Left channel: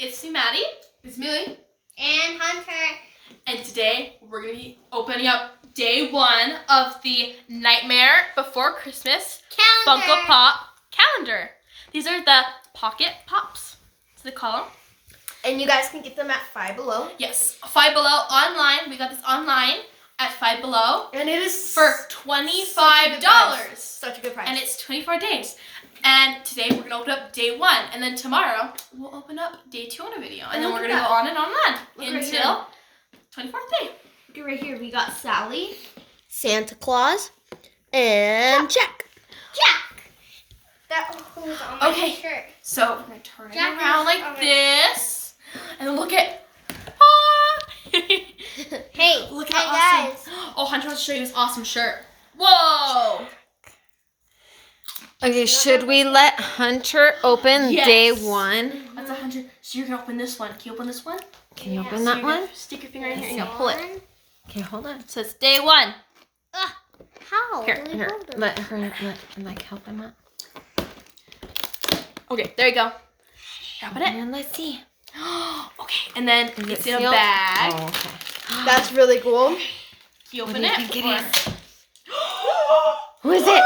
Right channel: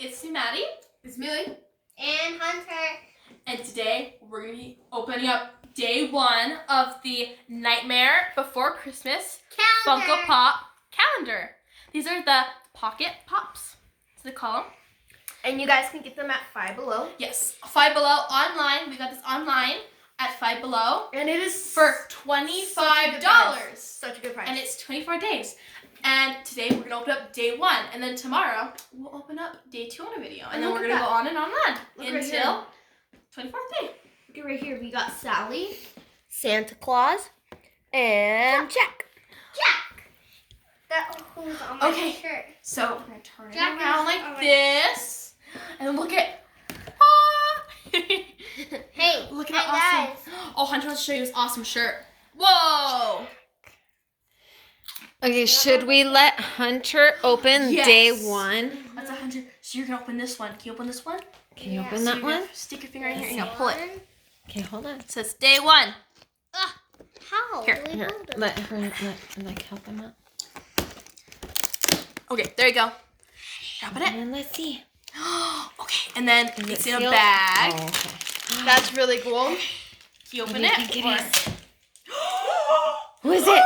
it's me, Maddie. It's Millie. And Hunter. And today we're going to be opening up day 1 of the Nightmare Before Christmas Calendar. Funko Pop calendar. These are the Pocket Pops, so they call them. And you guys can get them at Five Below. Yes, Five Below online. We got this online at Five Below. And it is for $25. Such a good price. And it's 24 days. And today we're going to open up day 1. And then tomorrow we'll open up day 2 on a video. And then we're going to go on and on until 24th day. Look at right here. We got Sally, Santa Claus, and Jack. That holds on my shirt. So we're going to turn Jack it around is like over this. And then look at... Hey, look hey at how guys. awesome. Oh, Hunter wants to show you his awesome shirt. Whoa! Okay, should we let Hunter open Yes. day 1? That's a Hunter. So you're going to open this one. Can you open this one? Can you open So that you're gonna one? Stick your finger in here and you're going to pull it. Okay, hold on. It says day 1. How? Here, do we Here, hold it? let help him out. Okay, there you go. Open it. And let's see. Okay, and then Is it's it in a sealed? bag. Oh, okay. That's really cool. You open What do you it. think it or- is? Who is it?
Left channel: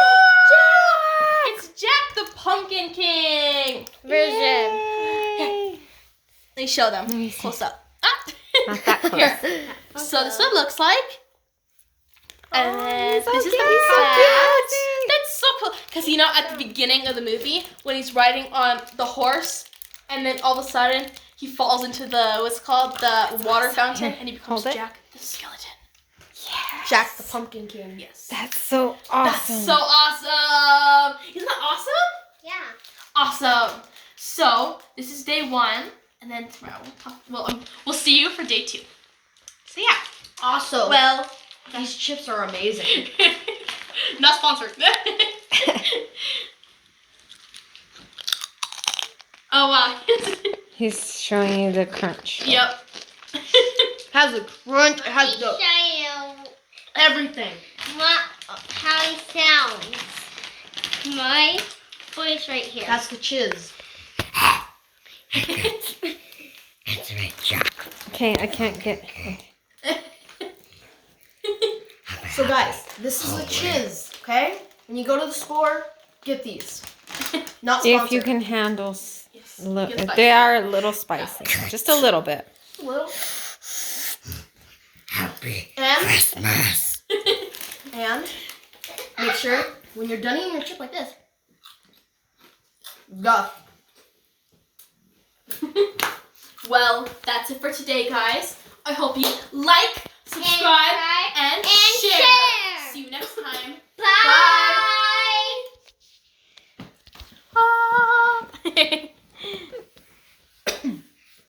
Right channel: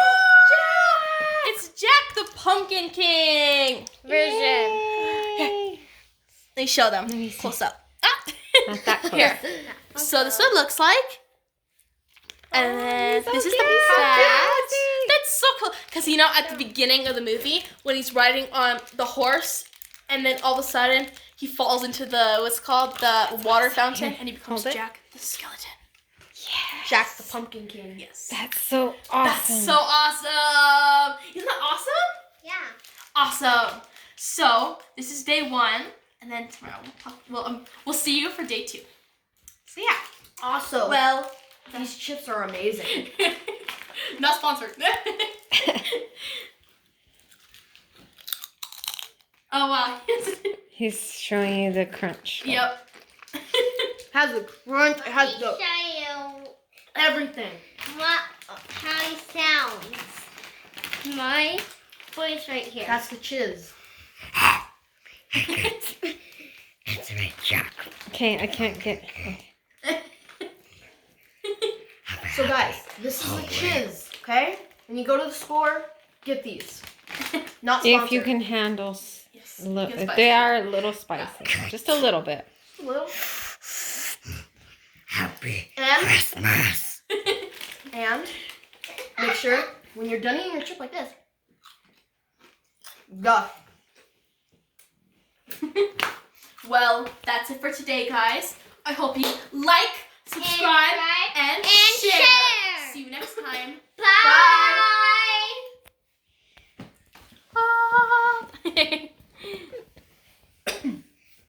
It's Jack the Pumpkin King. Yay. Let me show them. Let me see. Close up. Ah. Not that close. Here. So this is what it looks like. And then so this is cute. the So back. cute. That's so cool. Because you know, at the beginning of the movie, when he's riding on the horse, and then all of a sudden he falls into the what's called the water fountain, Here, and he becomes hold it. Jack the skeleton. Yes. Jack the Pumpkin King. Yes. That's so awesome. That's so awesome. Isn't that awesome? Yeah. Awesome. So this is day 1, and then tomorrow we'll see you for day 2. So yeah. Also, Well, these chips are amazing. not sponsored. Oh wow. He's showing you the crunch. Yep. Has a crunch. It has Let the me show you everything. how he sounds. My voice right here. That's the chiz. That's right, Jack. Okay, I can't get. So guys, this is the chiz. Okay? When you go to the store, get these. Not sponsored. If you can handle, Get spicy. they are a little spicy, just a little bit. A little. Happy And Christmas. And make sure when you're done eating your chip like this, go. Well, that's it for today, guys. I hope you like, subscribe, and share. See you next time. Bye. Bye.